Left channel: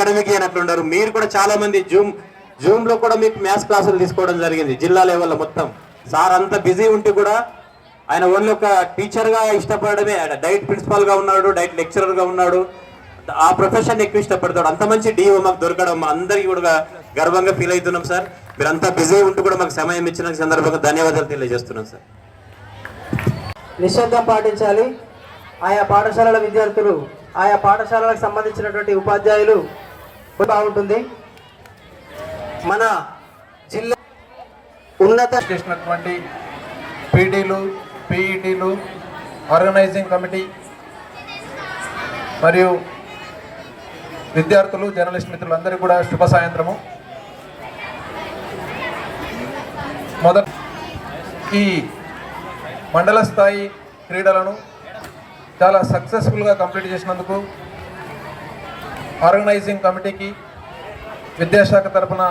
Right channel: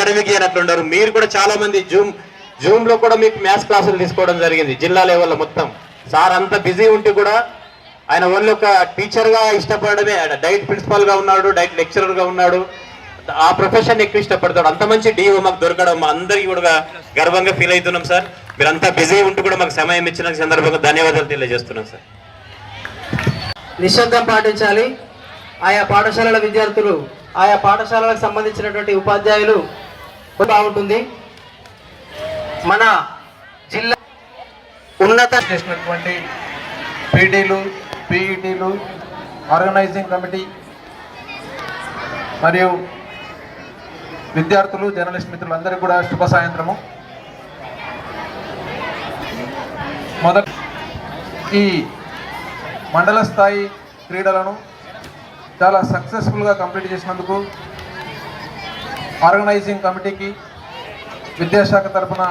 Academic అయినట్లుండరు మీరు కూడా చాలా మంది జూమ్ జూమ్ లో కూడా మీకు మ్యాథ్స్ క్లాసులు తీసుకోవడం జరిగింది జిల్లా లెవెల్లో మొత్తం సార్ అంత బిజీ ఉంటే కూడా ఆయన ఓన్లీ ఒక టీచర్గా ఇష్టపడమే ఆయన డైట్ ప్రిన్సిపాల్గా ఉన్నాడు డైట్ లెక్చరర్గా ఉన్నాడు ఆ ప్రొఫెషన్ ఎక్కువ ఇష్టపడతాడు అంత మంచి డిఓ మాకు దొరకడం అందరికీ కూడా గర్వంగా ఫీల్ అవుతున్నాం సార్ మీరంతా బిజీ ఉంటూ కూడా మాకు సమయం ఇచ్చిన సందర్భంగా ధన్యవాదాలు తెలియజేస్తున్నాం సార్ నిశ్శబ్దం పాటించాలి ఆయా పాఠశాలల విద్యార్థులు ఆయా పాఠశాలలకు సంబంధించినటువంటి ఉపాధ్యాయులు బాగుంటుంది మన జిల్లా ఉన్నత చేసినటువంటి పీడీలు పీఈటీలు ఆర్గనైజింగ్ కమిటీ మరియు విద్యార్థులు జర్నలిస్ట్ మిత్రులందరికీ కూడా శుభ సాయంత్రము మొదటి ఈ మండల స్థాయి క్రీడలను చాలా సక్సెస్ఫుల్గా కంప్లీట్ చేసినందుకు ఆర్గనైజింగ్ కమిటీకి విద్యాశాఖ తరఫున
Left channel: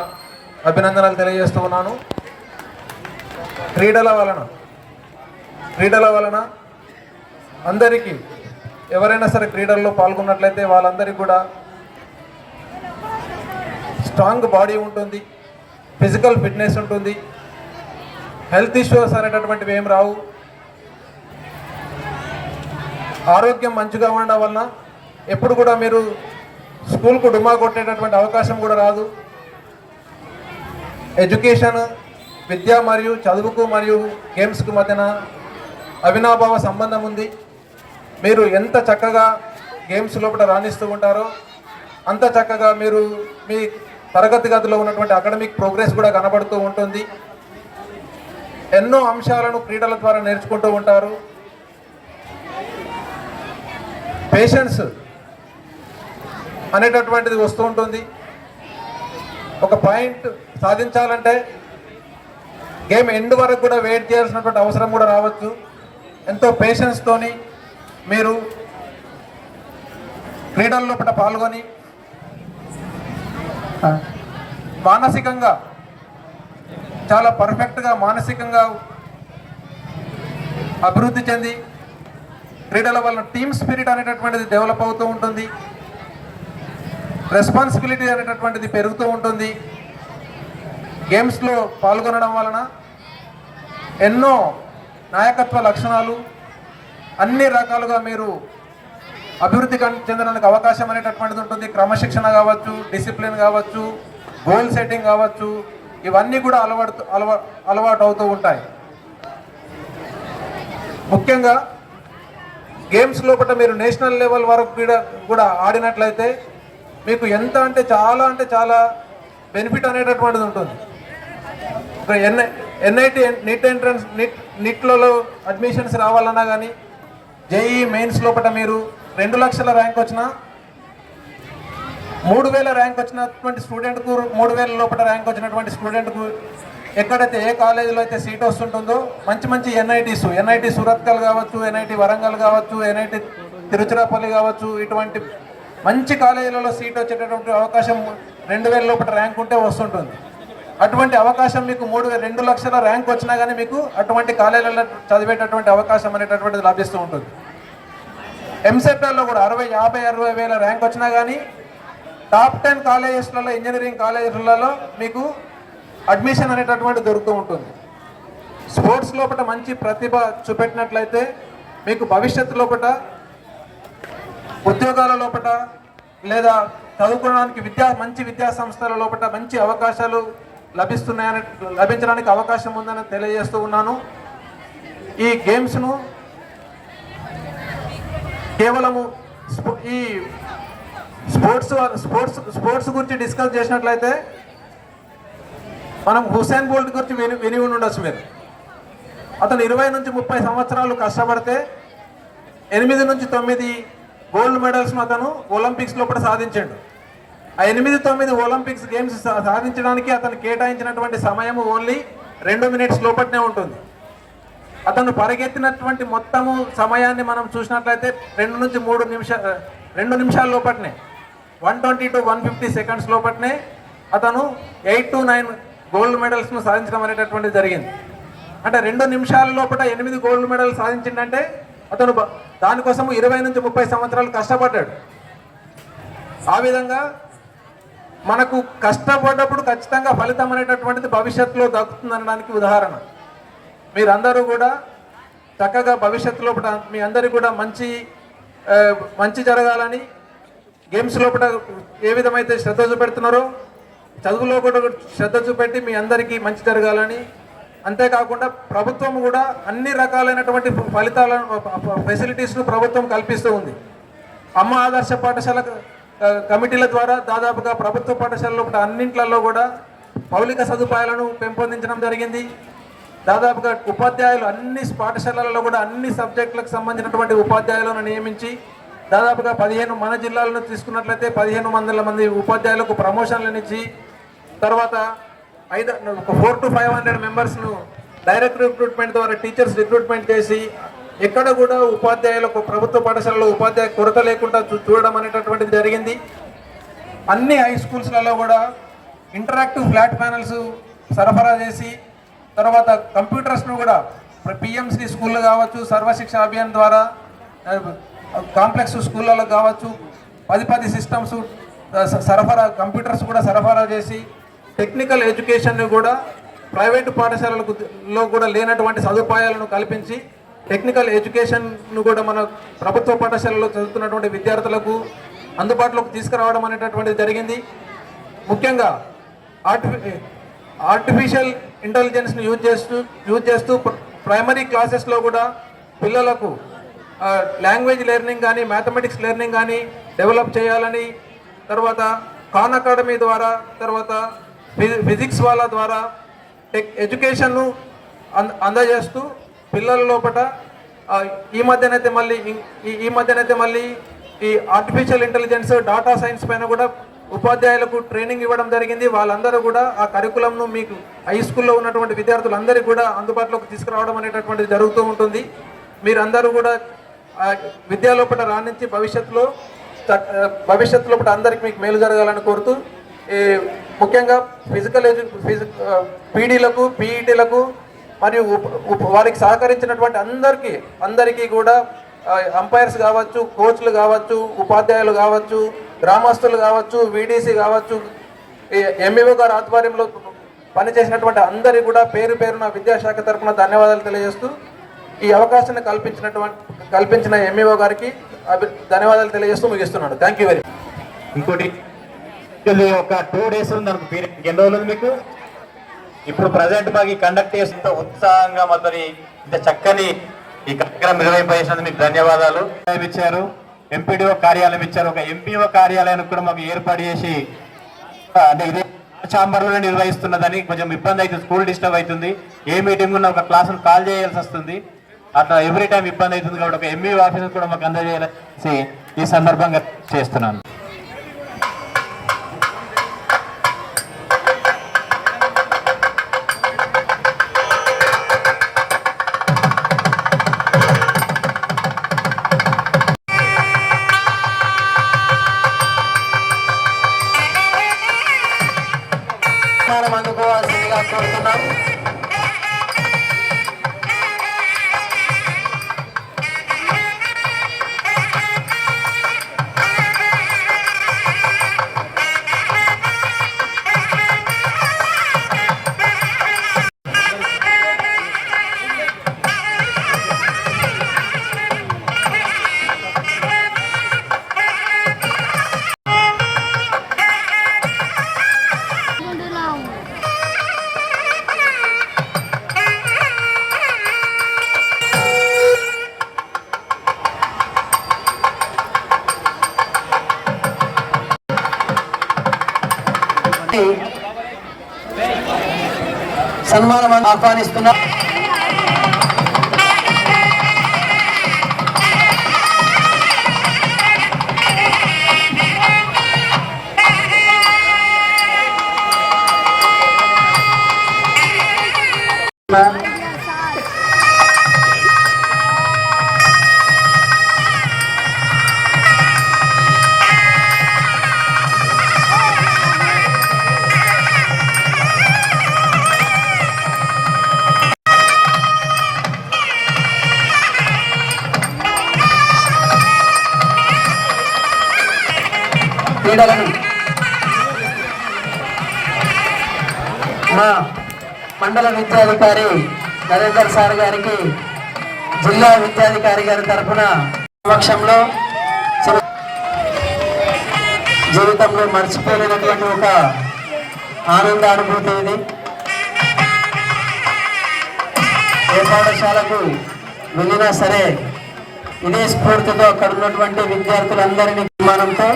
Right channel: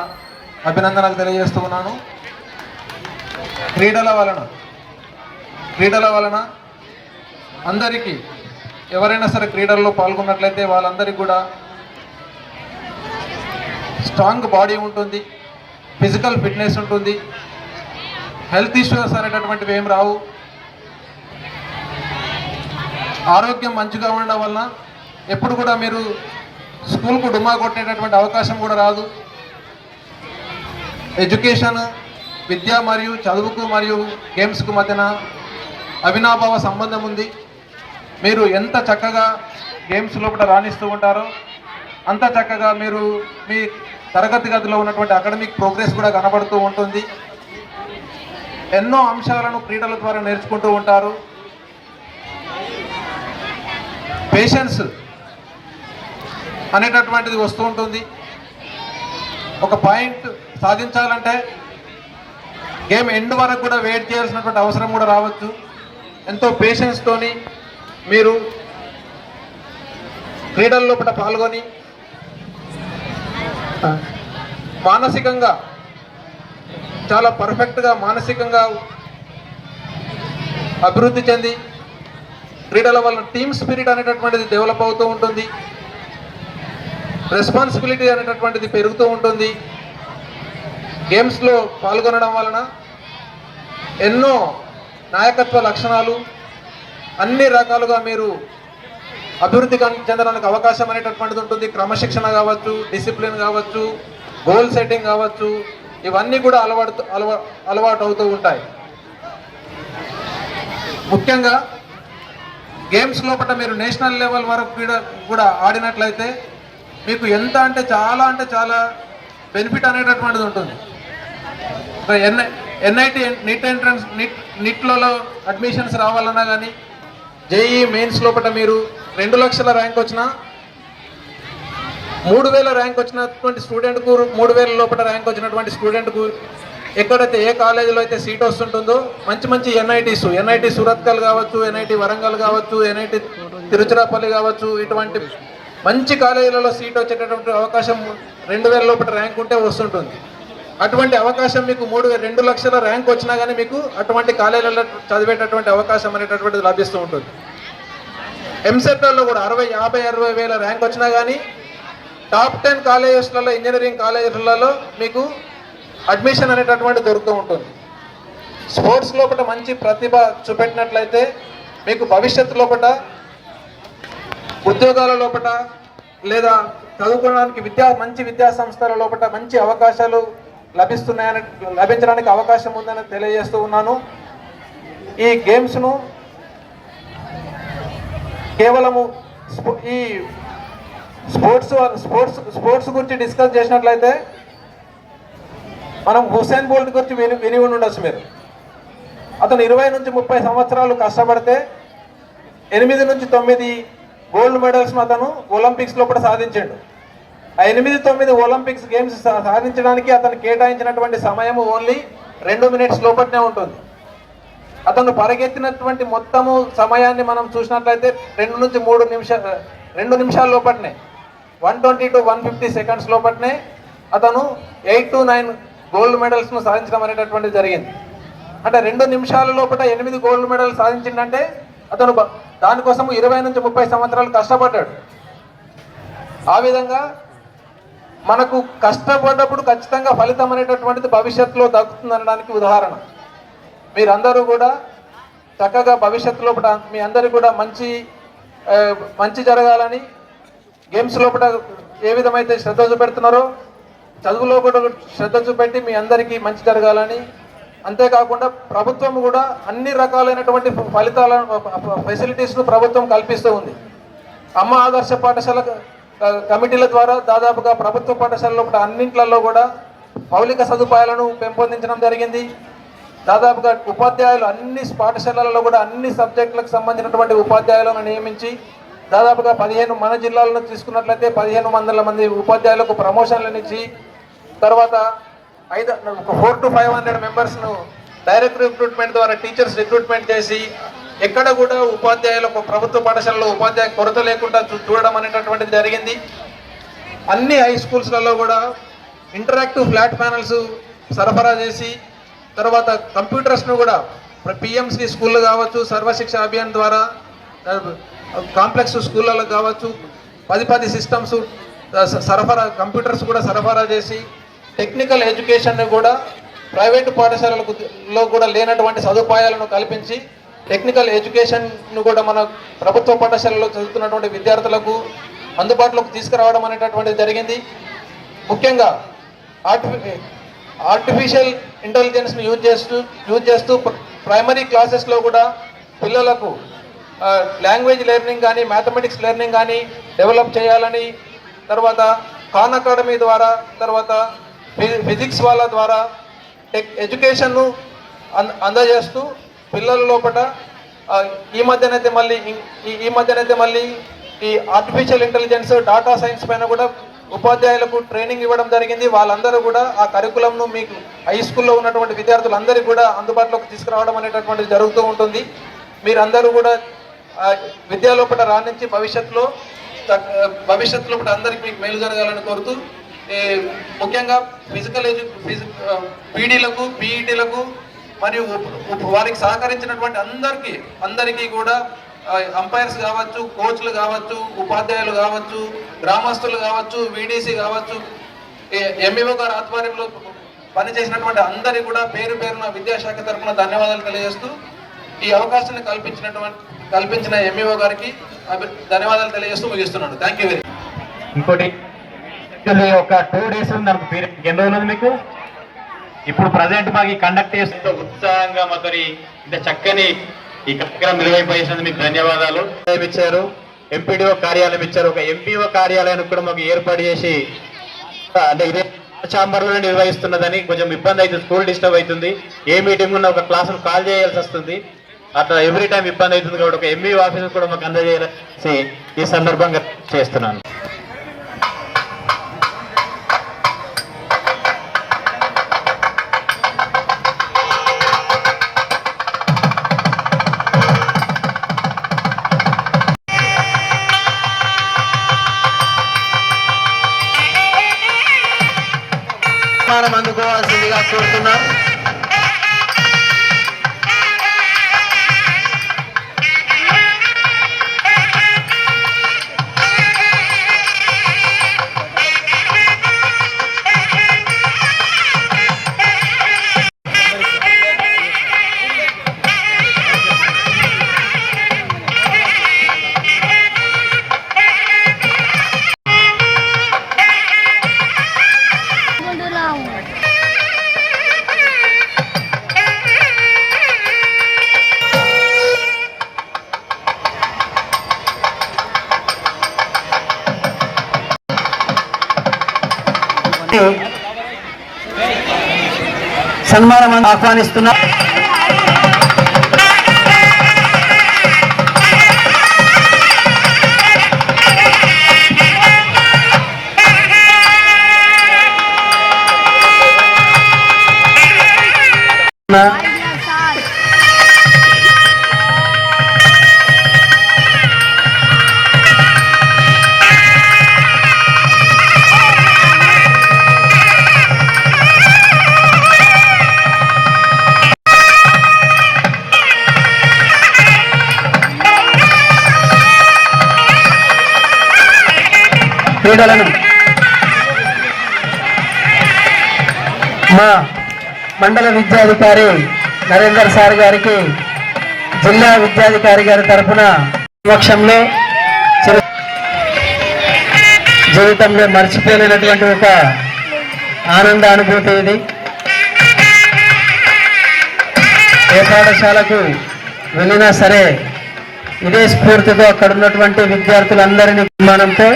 అభినందనలు తెలియజేస్తున్నాను క్రీడల వలన క్రీడల వలన అందరికీ ఎవరైనా సరే క్రీడల్లో పాల్గొన్నట్లయితే వాళ్ళందరికీ కూడా స్ట్రాంగ్ బాడీ ఉంటుంది ఫిజికల్ ఫిట్నెస్ ఉంటుంది హెల్త్ ఇష్యూస్ అనేటటువంటివి ఏం రావు ఆరోగ్యం మంచిగా ఉండడం వలన ఎప్పుడు కూడా మీరు స్కూల్కు డుమ్మా కొట్టేటటువంటి అవకాశం కూడా రాదు ఎడ్యుకేషన్ విద్య మరియు చదువుకు మరియు గేమ్స్కు మధ్యన అవినాభావ సంబంధం ఉంది మీరు ఎంత చక్కగా గేమ్స్ లోపల రాణిస్తూ ఉంటారో అంత చక్కగా మీరు మీ తరగతి గదిలో ఉన్నటువంటి అకాడమిక్ ప్రోగ్రెస్ కూడా కనబడుతూ ఉంటుంది ఎన్నో అంశాలను క్రీడల ద్వారా నేర్చుకుంటూ ఉంటారు పేషెన్స్ అనేటటువంటిది వస్తూ ఉంటుంది ఒక పాయింట్ సాధించాలంటే గేమ్ ఎండ్ వరకు కూడా వెయిట్ చేయాల్సినటువంటి అవసరం కూడా రావచ్చు ఎంతో పేషెన్స్తోని మీరు క్రీడల్లో కూడా పాల్గొని మానసికంగా చాలా పర్ఫెక్ట్గా మానసికంగా అభివృద్ధి చెంది క్రీడల వల్ల టీమ్ స్పిరిట్ అనేటటువంటిది డెవలప్ అవుతూ ఉంటుంది రెస్పాన్సిబిలిటీ అనేటటువంటిది పెరుగుతూ ఉంటుంది గేమ్స్లో పాల్గొనడం వలన ఎన్నో నాయకత్వ లక్షణాలు అన్ని రకాలుగా మీరు అభివృద్ధి చెందడానికి అవకాశం అనేటటువంటిది ఉంటుంది క్రమశిక్షణ కావచ్చు డిసిప్లిన్ కావచ్చు గోల్ సెట్టింగ్ కావచ్చు ఇవన్నీ కూడా అలవాటు అలవా అలవాటు అవుతూ ఉంటాయి ముఖ్యంగా గేమ్స్ లోపల మీరు నేషనల్ లెవెల్ వరకు కూడా ఆడినట్లయితే మీకు ఎంత అంటే చాలా అంటే చాలా బెనిఫిట్ అనేటటువంటిది ఉంటుంది NI NIT NIT entrance NIT నిట్లలో admissions రావాలన్నా కానీ జేఈ మెయిన్స్ e లోపల మీరు రెండు లక్షల ర్యాంక్ వచ్చిన మూడు వేల ర్యాంక్ వచ్చినటువంటి స్టూడెంట్కు మూడు వేల లోపల ర్యాంక్ వచ్చినటువంటి స్టూడెంట్కు ఎక్కడైతే ఏ కాలేజీలో అయితే సీట్ వస్తుంటుందో మంచి మంచి ఎన్ఐటీస్ ఎన్ఐటి సురత్కల్ కావచ్చు ఎన్ఐటి వరంగల్ కావచ్చు ఎన్ఐటి తిరుచిరాపల్లి కావచ్చు ఇటువంటి మంచి కాలేజీలలో సీట్ వచ్చేటటువంటి అవకాశం రెండు వేల లోపల ర్యాంక్ ఉంటే వస్తుంటుంది అటువంటి అవకాశం మీకు మూడు రెండు లక్షల ర్యాంక్ వచ్చినా కానీ మీకు అటువంటి కాలేజీలలో చదివేటటువంటి అవకాశం అనేటటువంటిది లభిస్తూ ఉంటుంది ఎంసెట్లలో కూడా అరవై యాభై అరవై వేల ర్యాంక్ వచ్చినా కానీ టాప్ టెన్ కాలేజెస్లలో ఇంజనీరింగ్ కాలేజెస్లలో మీకు అడ్మిషన్ అనేటటువంటి దొరుకుతూ ఉంటుంది స్పోర్ట్స్ లోపల మంచి ప్రతిభ చూపెట్టినట్లయితే మీకు భవిష్యత్తు లోపల ఉద్యోగాల లోపల లేదా చదువుకోవడానికి విద్యా మంచి విద్యా సంస్థల లోపల మంచి అవకాశాలు లభిస్తున్నాయని లభించడానికి అవకాశం ఉందని తెలియజేస్తూ ఉన్నాను ఈ గేమ్స్ను కేవలము ఈ స్పోర్ట్స్ స్పోర్ట్స్ స్పోర్ట్స్ గురించి డిస్కస్ చేసినట్లయితే మనం హుసేన్ బోల్ట్ గురించి విని విని ఉండొచ్చు మీరు అతను ఇరవై నుంచి ముప్పై సంవత్సరాలు కష్టపడితే ఎనిమిది నుంచి తొమ్మిది గోల్డ్ మెడల్స్ను అతను ఒలింపిక్స్లో కూడా సాధించాడు ఆ ఎనిమిది తొమ్మిది ఒలింపిక్స్ గేమ్స్ సాధించడానికి అతను కేటాయించినటువంటి సమయం ఓన్లీ రెండు మినిట్స్ లోపట్నే ఉంటుంది అతను పరిగెత్తినటువంటి మొత్తము సమయాన్ని మనం చూసినట్లయితే రెండు నుంచి మూడు నిమిషాలు రెండు నిమిషాల లోపలనే one twenty two one fifty seconds లోపట్నే అతను ఎయిట్ టు నైన్ గోల్డ్ మెడల్స్ను సాధించడం అనేటటువంటిది జరిగింది అంటే రెండు నిమిషాల లోపల ఎనిమిది గోల్డ్ మెడల్ సాధించిందంటే అతను దానికోసం ఇరవై నుంచి ముప్పై సంవత్సరాలు కష్టపడ్డాడు ఆ విధంగా మనకు కష్టపడ్డప్పుడు ఖచ్చితంగా ఫలితం అనేటటువంటిది భవిష్యత్తులో దక్కుతుంది అనడానికి ఉదాహరణ మీరందరూ కూడా చక్కగా భవిష్యత్తు లోపల మీ అందరికీ కూడా మంచి మంచి జరగాలని గేమ్స్ లోపల ఏ విధమైతే శ్రద్ధ చూపెడుతున్నారో చదువులో కూడా శ్రద్ధ చూపెట్టి మీ అందరికీ మంచి జరగాలని అంతేకాకుండా ప్రభుత్వం కూడా అన్ని రకాలైనటువంటి ఫలితాల ఫెసిలిటీస్ను ప్రభుత్వం కల్పిస్తూ ఉంది అమ్మ ఆదర్శ పాఠశాల కమిటీల ద్వారా దాదాపుగా ప్రభుత్వ పాఠశాలలో కూడా అన్నింటిలో కూడా మౌలిక సదుపాయాలను పెంపొందించడం జరిగింది దాదాపుగా ఉపాధ్యాయులు అన్ని పాఠశాలలలో కూడా అన్ని సబ్జెక్టులకు సంబంధించినటువంటి ఉపాధ్యాయులను నియమించి దాదాపుగా పదిహేను మన జిల్లాలను తీసుకున్నట్లయితే పదిహేను వందల మంది ఉపాధ్యాయులకు ప్రమోషన్లను ఇచ్చి తర్వాత ఐదు ఒక ఫోర్ టు ఫైవ్ హండ్రెడ్ మెంబర్స్ను డైరెక్ట్ రిక్రూట్మెంట్ ద్వారా టీచర్స్ రిక్రూట్మెంట్ చేసి ఎక్కడ కూడా ఉపాధ్యాయులకు ప్రభుత్వ పాఠశాలలో ఉపాధ్యాయ కొరత లేకుండా చూడడం అనేటటువంటిది జరిగింది అన్ని హై స్కూల్స్లలో కూడా ఇంటరాక్టివ్ ఫ్లాట్ ప్యానల్స్ సరఫరా చేసి తర్వాత కంప్యూటర్స్ను కూడా పిఎంసి స్కూళ్ళు కావచ్చు సర్వశిక్ష అభియాన్ ద్వారా కాంప్లెక్స్ స్కూళ్ళలో కావచ్చు పది పది సిస్టమ్స్ సరఫరా కంప్యూటర్స్ కూడా సరఫరా చేసి టెక్నికల్ ఎడ్యుకేషన్ కూడా ప్రైవేటు పాఠశాలలో కూడా లేనటువంటి సదుపాయాలను కల్పించి టెక్నికల్ ఎడ్యుకేషన్ను కూడా మన ప్రభుత్వ పాఠశాలలో చదువుతున్నటువంటి విద్యార్థులకు అందుబాటులోకి తీసుకురావడం అనేటటువంటిది జరిగింది ముఖ్యంగా ఆర్టిఫి ఆర్టిఫిషియల్ ఇంటెలిజెన్స్ను యూజ్ చేస్తూ యూజ్ చేస్తూ ప్రైమరీ క్లాసెస్లో కూడా పిల్లలకు లాంగ్వేజ్ లెర్నింగ్ కానీ మ్యాథమెటిక్స్ లెర్నింగ్ కానీ డెవలప్ చేయాలని తర్వాత ఖాన్ అకాడమీ ద్వారా తర్వాత ఫిజిక్స్ వాళ్ళ ద్వారా టెక్ ఎడ్యుకేషన్ను అందజేస్తూ పిల్లల లోపల ఈ మధ్యనైతే మళ్ళీ ఈ మధ్యనైతే మళ్ళీ ఈ ఆర్టిఫిషియల్ ఇంటెలిజెన్స్ డాటా సైన్స్ పైన కూడా ఉపాధ్యాయులకు ట్రైనింగ్ ఇవ్వడం జరిగింది వాళ్ళందరూ కూడా ఆ కరికులంను మీకు హై స్కూల్లో ఉన్నటువంటి విద్యార్థులందరికీ కూడా అందుబాటులోకి తీసుకురావడం అనేటటువంటిది జరుగుతూ ఉంటుంది మీరందరూ కూడా విద్యా లోపల రాణించి భవిష్యత్తులో భవిష్యత్తులో అందరికీ మీకు మేలు జరగాలని కోరుతూ ముఖ్యంగా ఫిజికల్ ఎడ్యు పీడీలకు పీఈటీలకు మరియు వారికి సహకరించినటువంటి అందరికీ అందరికీ కూడా అంపైర్స్ కావచ్చు కోచ్లు కావచ్చు ఉపాధ్యాయులు కావచ్చు గ్రామస్తులు కావచ్చు వీడీసీ కావచ్చు ఎంఈఓ e గారు ఆధ్వర్యంలో పనిచేసినటువంటి అందరికీ కూడా పేరు పేరున విద్యాశాఖ తరఫున ధన్యవాదాలు తెలియజేస్తూ ఈ అవకాశాన్ని కల్పించినటువంటి కల్పించిన ఎంఈఓ e గారికి ధన్యవాదాలు తెలియజేస్తూ ముగిస్తున్నాను థ్యాంక్ యూ వెరీ ఇంకోటి తీసుకెళ్ళి ఒక టూ డేస్ ఉంది నాకు పీరియడ్ ఎన్ని రోజులు మీకు ఇప్పుడు ప్రజెంట్ మాకు కండక్ట్ చేసిన ఉత్సాహంగా మాతో ఇంత చక్కని ఈ కార్యక్రమం నిర్వహింపజేసినందుకు మీకు ధన్యవాదాలు ఇచ్చారు ఎంపీడీఓ కార్యాలయం ఇచ్చారు ఒక ఎంపీఓ కార్యాలయానికి కూడా మాకు ఏర్పాటు చేసి అంటే ఇదే చాంబర్లోనే నిర్వహిస్తున్నదని కొంచెం ఇబ్బంది అవుతుంది స్కూల్ డిస్టర్బ్ అవుతుంది ఏ మీటింగ్ ఉన్న ఒక క్లాసును కాల్ చేయాల్సి వస్తుంది అట్లా ఎవ్రీ టైం ఇబ్బంది అవుతుంది కాబట్టి ఒక ఎంఈ ఆఫీస్ కూడా మాకు అందజేయాల్సి ఈ సందర్భంగా చేస్తున్నాను ఆహ్వానిస్తున్నాం మండల విద్యాధికారి నరేందర్ సార్ గారికి జిల్లా విద్యాధికారి గారి తరఫున పక్షంలో జీవితంలో మర్చిపోయినటువంటి ఒక ఆనంద అనుభూతి ఇది ఏ పాఠశాలకు వెళ్ళినా సరే ఇదే స్ఫూర్తితో అక్కడ ఉన్నటువంటి విద్యార్థులందరినీ నిర్మాణంతో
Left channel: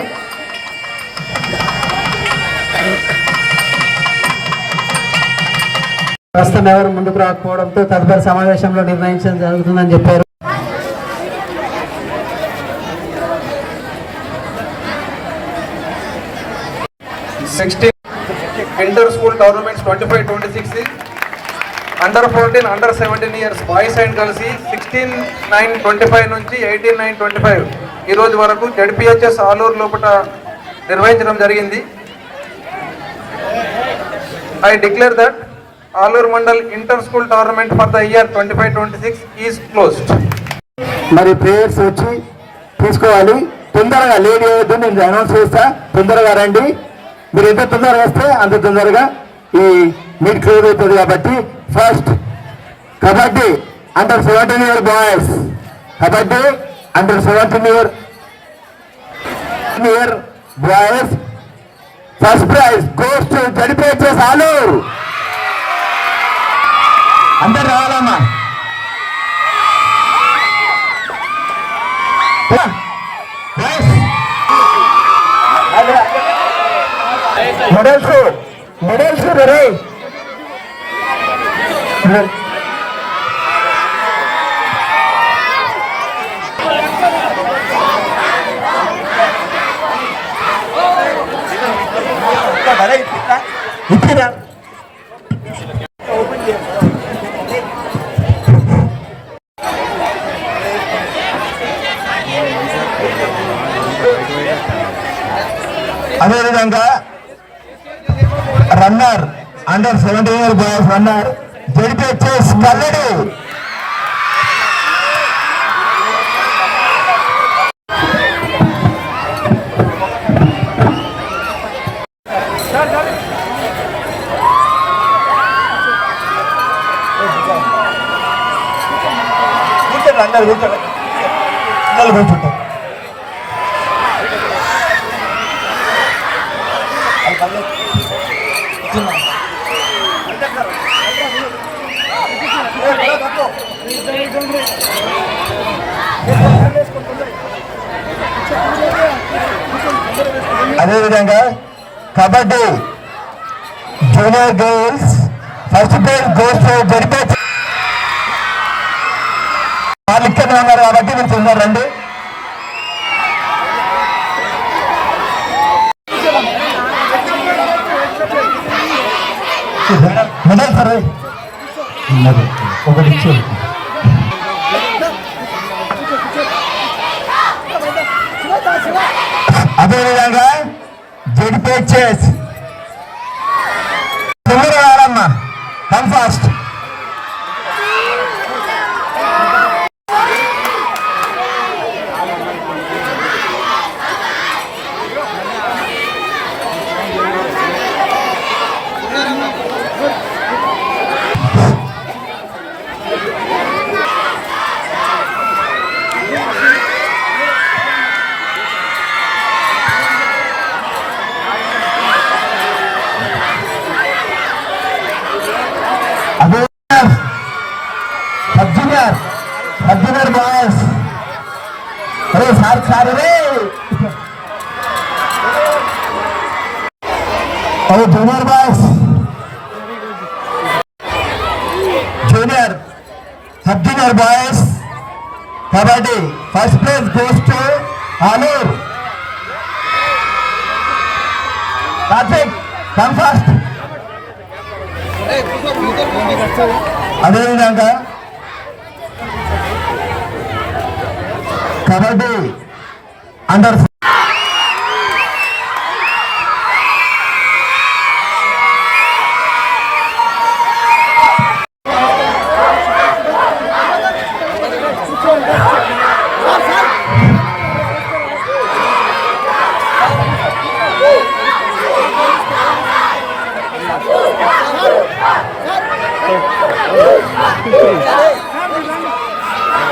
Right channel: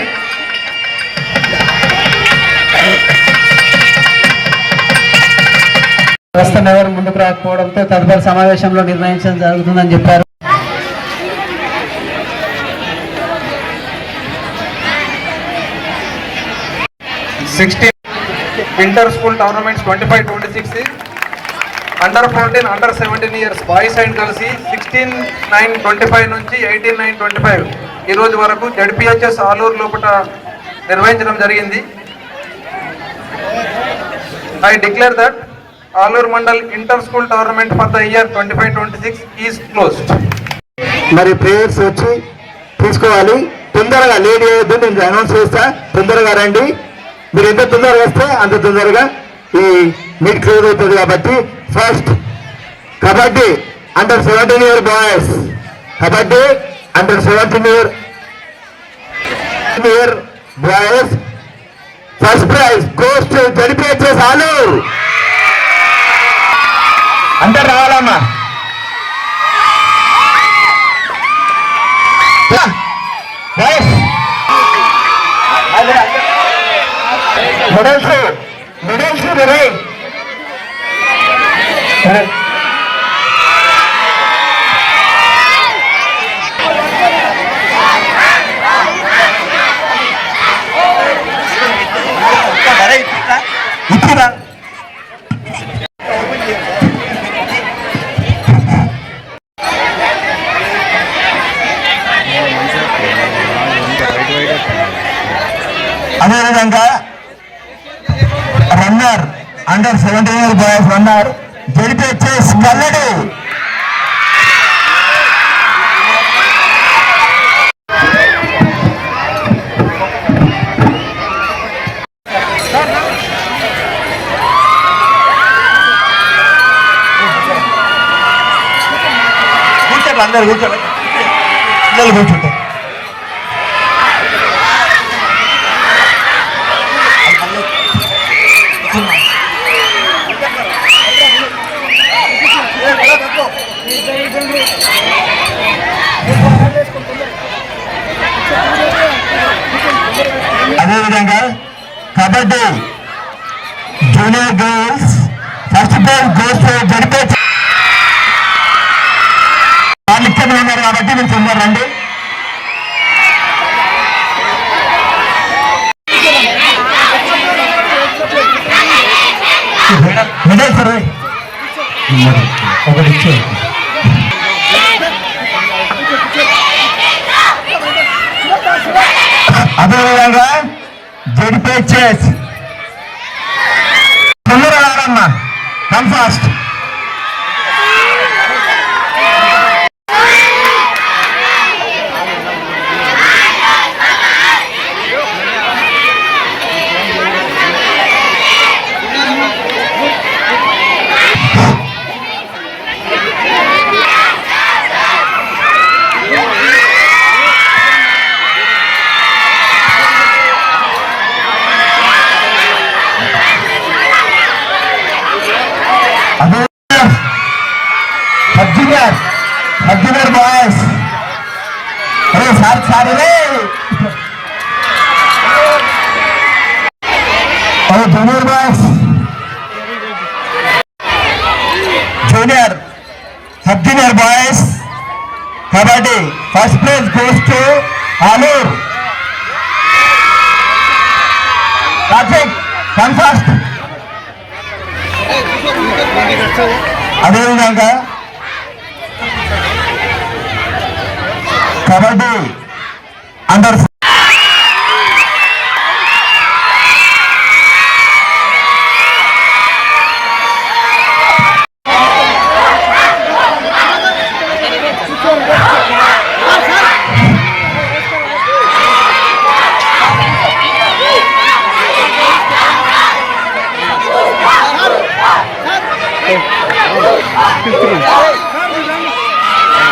ప్రస్తుతం ఎవరు ముందుకు రాకపోవడంతో తదుపరి సమావేశంలో నిర్ణయించడం జరుగుతుందని చెప్పారు sixteen inter school tournaments twenty five twenty six under fifteen under seventeen years boys and కలిసి సిక్స్టీన్ నైన్ ట్వంటీ ఫైవ్ నుంచి ఎయిటీన్ నైన్ ట్వంటీ ఫైవ్ ఈ రోజు వరకు జడ్పిహెచ్ఎస్ ఆలూరు లోపల నిర్వహించడం జరిగింది I declare that Aluru mandal inter school tournament for the year twenty five twenty six is closed మరి players వచ్చి తీసుకోవాలి తొందరగా లేడీ అయ్యొద్దు నేను అనౌన్స్ చేస్తా తొందరగా రండి మీరు ఎంత తొందరగా వస్తే అంత తొందరగా ఈ మీట్ క్లోజ్ అవుతుంది కాబట్టి first kabaddi under seventeen year boys kabaddi under seventeen year year boys first prize goes to ZPHS Saluru అందరు రావాలన్నా మెడల్స్ మెడల్స్ మరి ఉన్నారు జడిపిహెచ్ఎస్ కల్లడి అందరు అదేవిధంగా kabaddi junior games first place goals జరిపే వాళ్ళు ఇక్కడ ఉన్నారు కాబట్టి మీరు తిన్నారండి మెడల్ సరే ఒకటి ఇచ్చి Ele pertence. હવે Dhirajbhai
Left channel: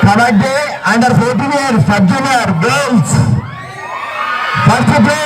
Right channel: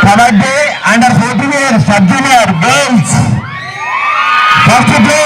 Kabaddi under 14 years, Sub Junior Girls. First play.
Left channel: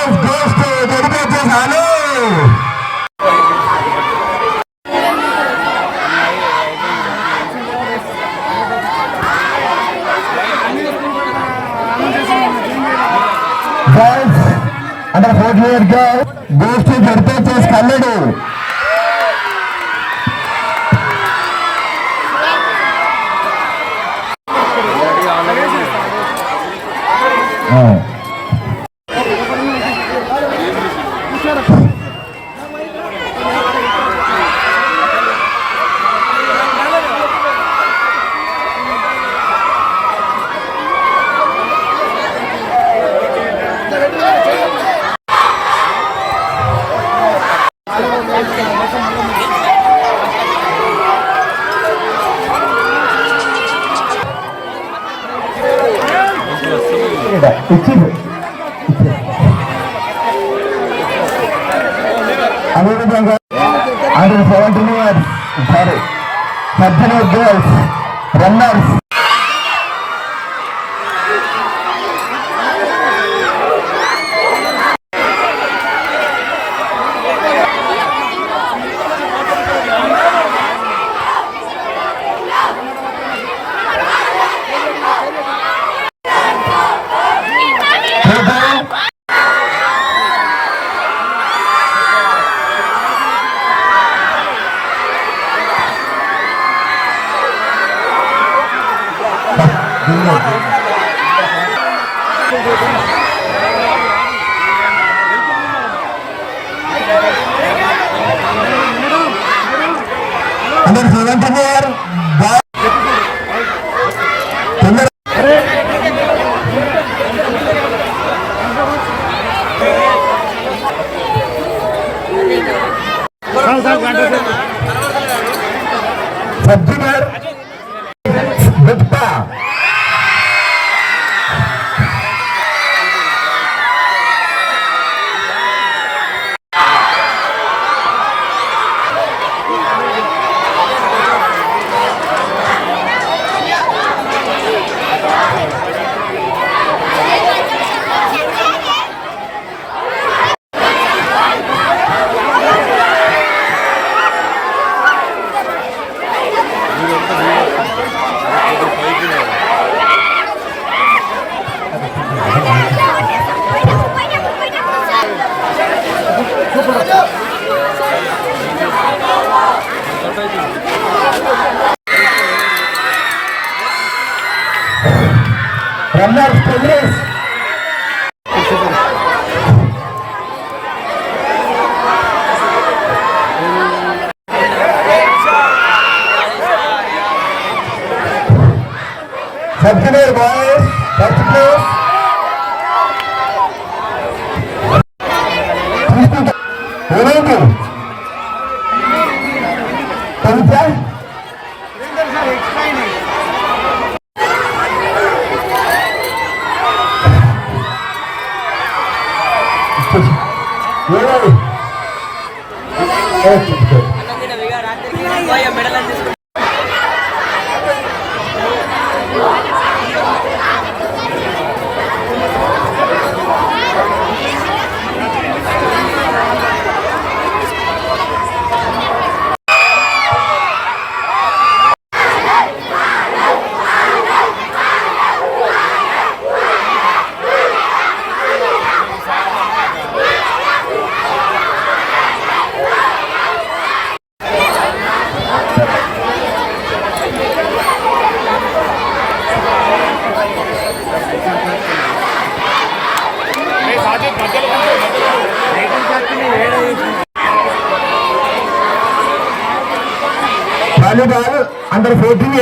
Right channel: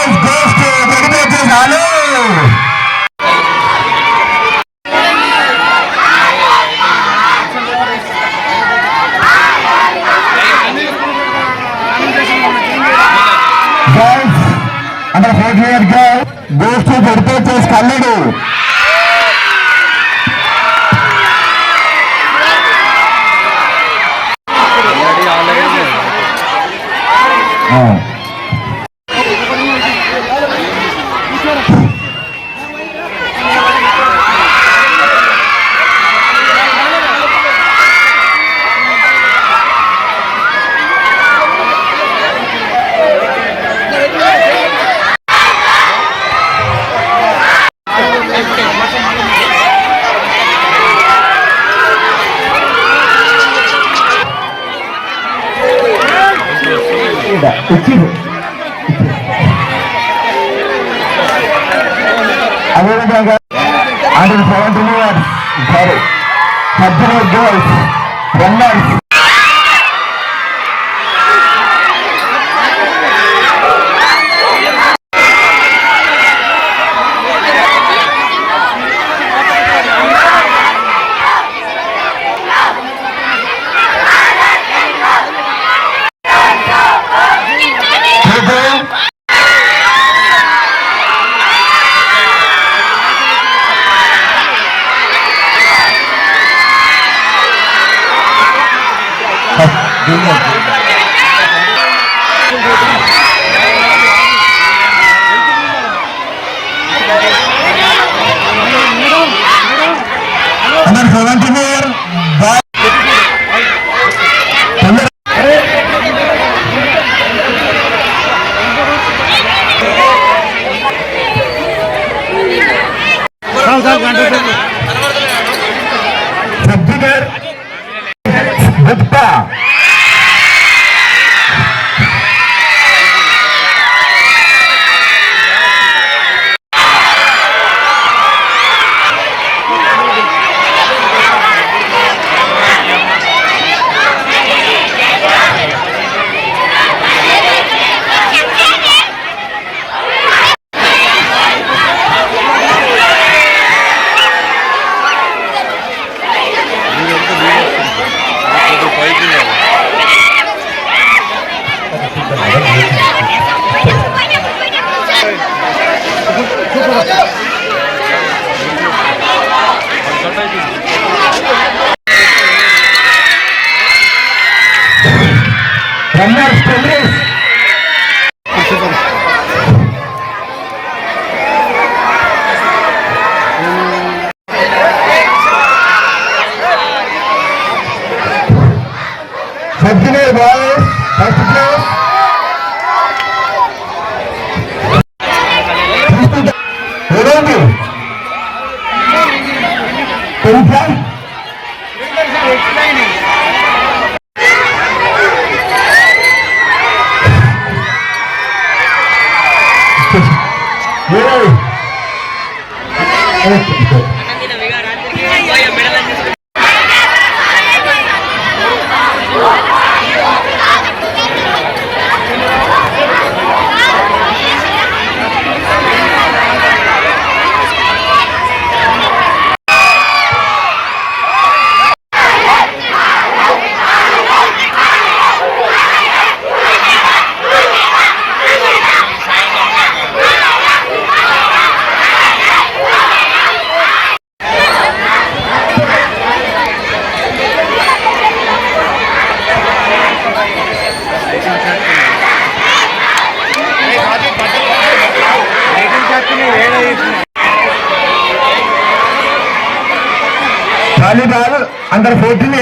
life. పొద్దున better than this. బాబు అందరు fourteen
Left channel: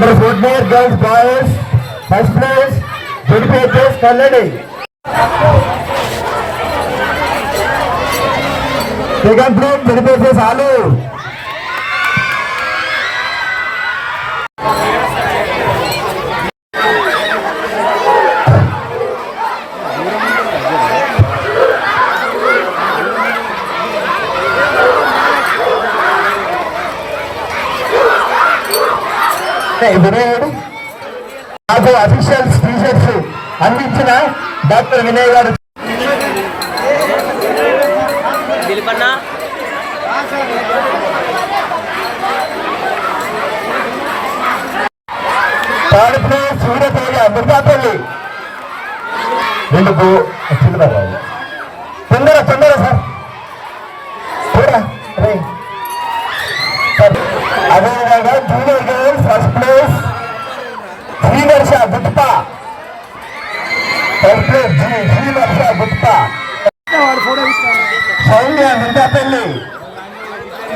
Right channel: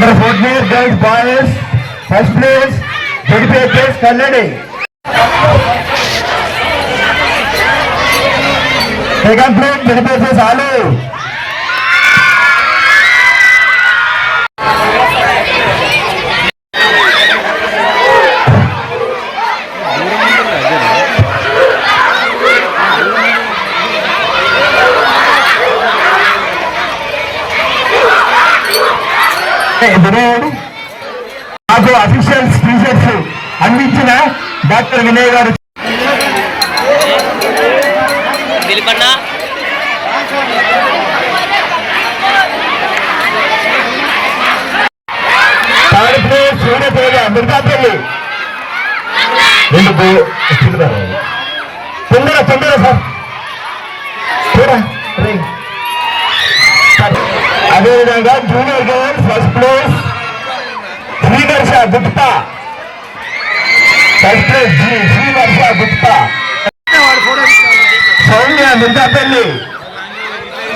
Number 14, girls, boys, first place, dedicated, Kaladi. Second place విడిపేసే చాలు నాకు అఫీషియల్ టీషర్ట్స్ అందించిన డాక్టర్ వినయ్ గారు ఇది స్టిల్వర్ తొందర తొందర సార్ అదేవిధంగా junior game first place Shri Gupta first place Shri Varsha Gupta Soumya Nindapalli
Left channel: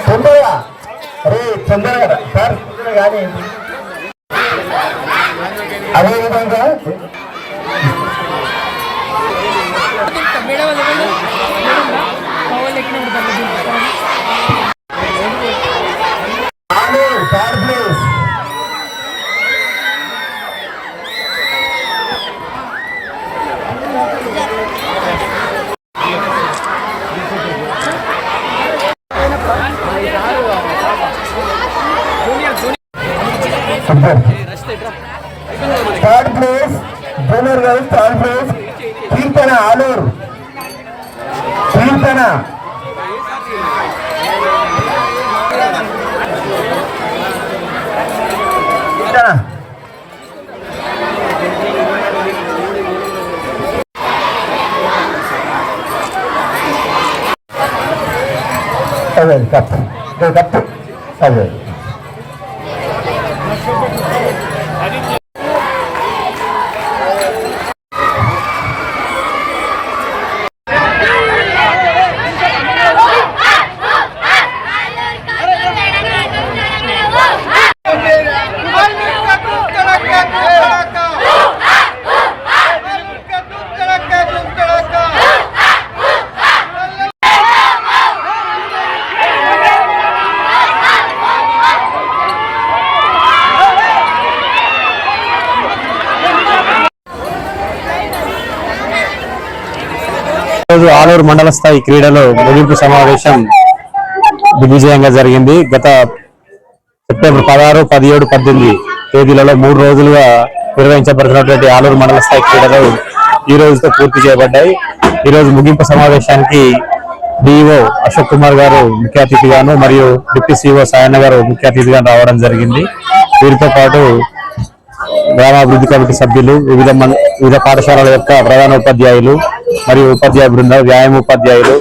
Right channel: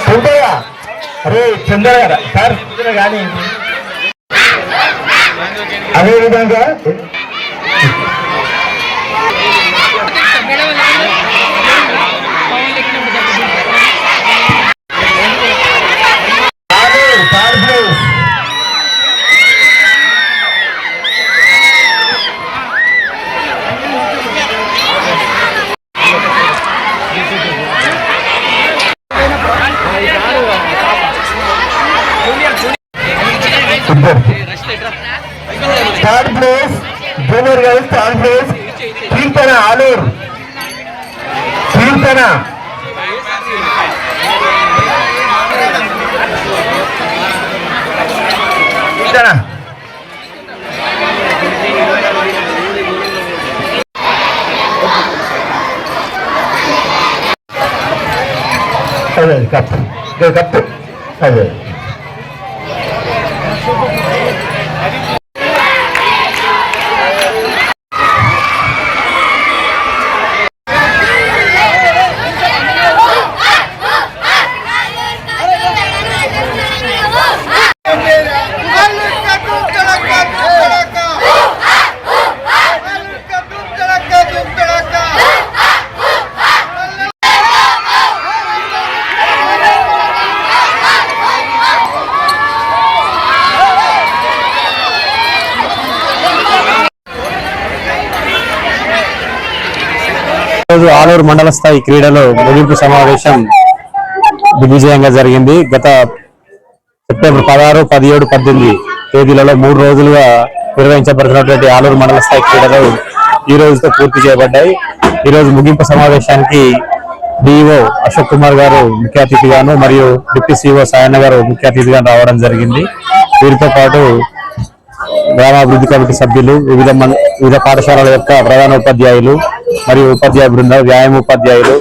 Chandraiah అరే చంద్రయ్య సార్ చంద్ర కానీ అదేవిధంగా थर्ड प्लेस दोनों result third place Keerthana Alur Keerthana cup cup अरे ఈరోజు ఆలూరు మండల స్థాయి క్రీడలో ముగింపు సమావేశం దిగ్విజయంగా జరిగింది గత సెప్టెంబర్ పదహారు పదిహేడు పద్దెనిమిది తేదీలలో మూడు రోజులుగా నిర్వహించబడుతున్నటువంటి ఆలూరు మండల స్థాయి క్రీడలు ఈ రోజుతో పూర్తి చేయబడ్డాయి ఈ రోజు ముగింపు సమావేశానికి డిఈఓ అశోక్ కుమార్ గారు ముఖ్య అతిథిగాను మరియు డిప్యూ సిఇఓ సాయన్న గారు ముఖ్య అతిథిగా రావడం జరిగింది వీరితో పాటు గ్రామాభివృద్ధి కమిటీ సభ్యులు వివిధ వివిధ పాఠశాలల యొక్క ప్రధాన ఉపాధ్యాయులు మరియు ఉపాధ్యాయ బృందం వ్యాయామ ఉపాధ్యాయులు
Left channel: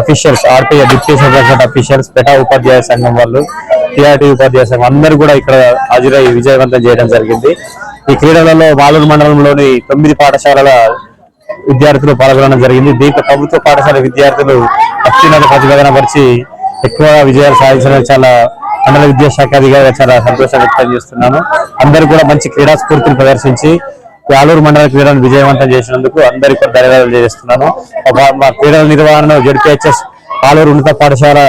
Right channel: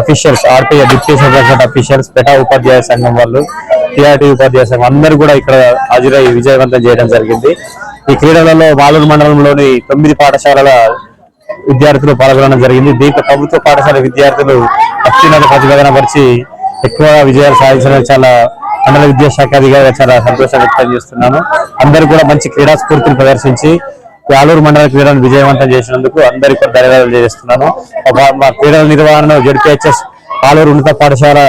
officials RTI deputy superintendent officials PETA ఉపాధ్యాయ సంఘం వాళ్ళు టీఆర్టీ ఉపాధ్యాయ సంఘం అందరూ కూడా ఇక్కడ హాజరై విజయవంతం చేయడం జరిగింది ఈ క్రీడలలో మాలూరు మండలంలోని తొమ్మిది పాఠశాలల విద్యార్థులు పాల్గొనడం జరిగింది దీంతో ప్రభుత్వ పాఠశాల విద్యార్థులు అత్యున్నత ప్రతిపాదన పరిచి ఎక్కువగా విజయాలు సాధించడం చాలా మండల విద్యాశాఖ అధికారిగా చాలా సంతోషం వ్యక్తం చేస్తున్నాను అందరు కూడా మంచి క్రీడా స్ఫూర్తిని ప్రదర్శించి ఆలూరు మండల క్రీడను విజయవంతం చేసినందుకు అందరికీ కూడా ధన్యవాదాలు చేస్తున్నాను మా క్రీడల నిర్వహణను జడ్పిహెచ్ఎస్ ఆలూరు ఉన్నత పాఠశాల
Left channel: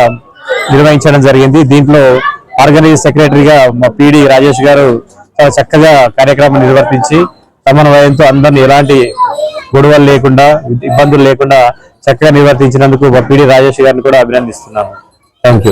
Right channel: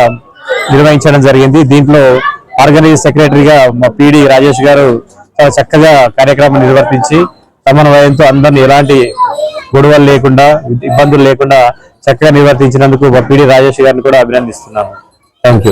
నిర్వహించడం జరిగింది దీంట్లో ఆర్గనైజ్ సెక్రటరీగా మా పీడి రాజేష్ గారు చాలా చక్కగా కార్యక్రమం నిర్వర్తించి వయంతో అందరిని ఎలాంటి గొడవలు లేకుండా ఇబ్బందులు లేకుండా చక్కగా నిర్వర్తించినందుకు మా పీడి రాజేష్ గారిని కూడా అభినందిస్తున్నాను థ్యాంక్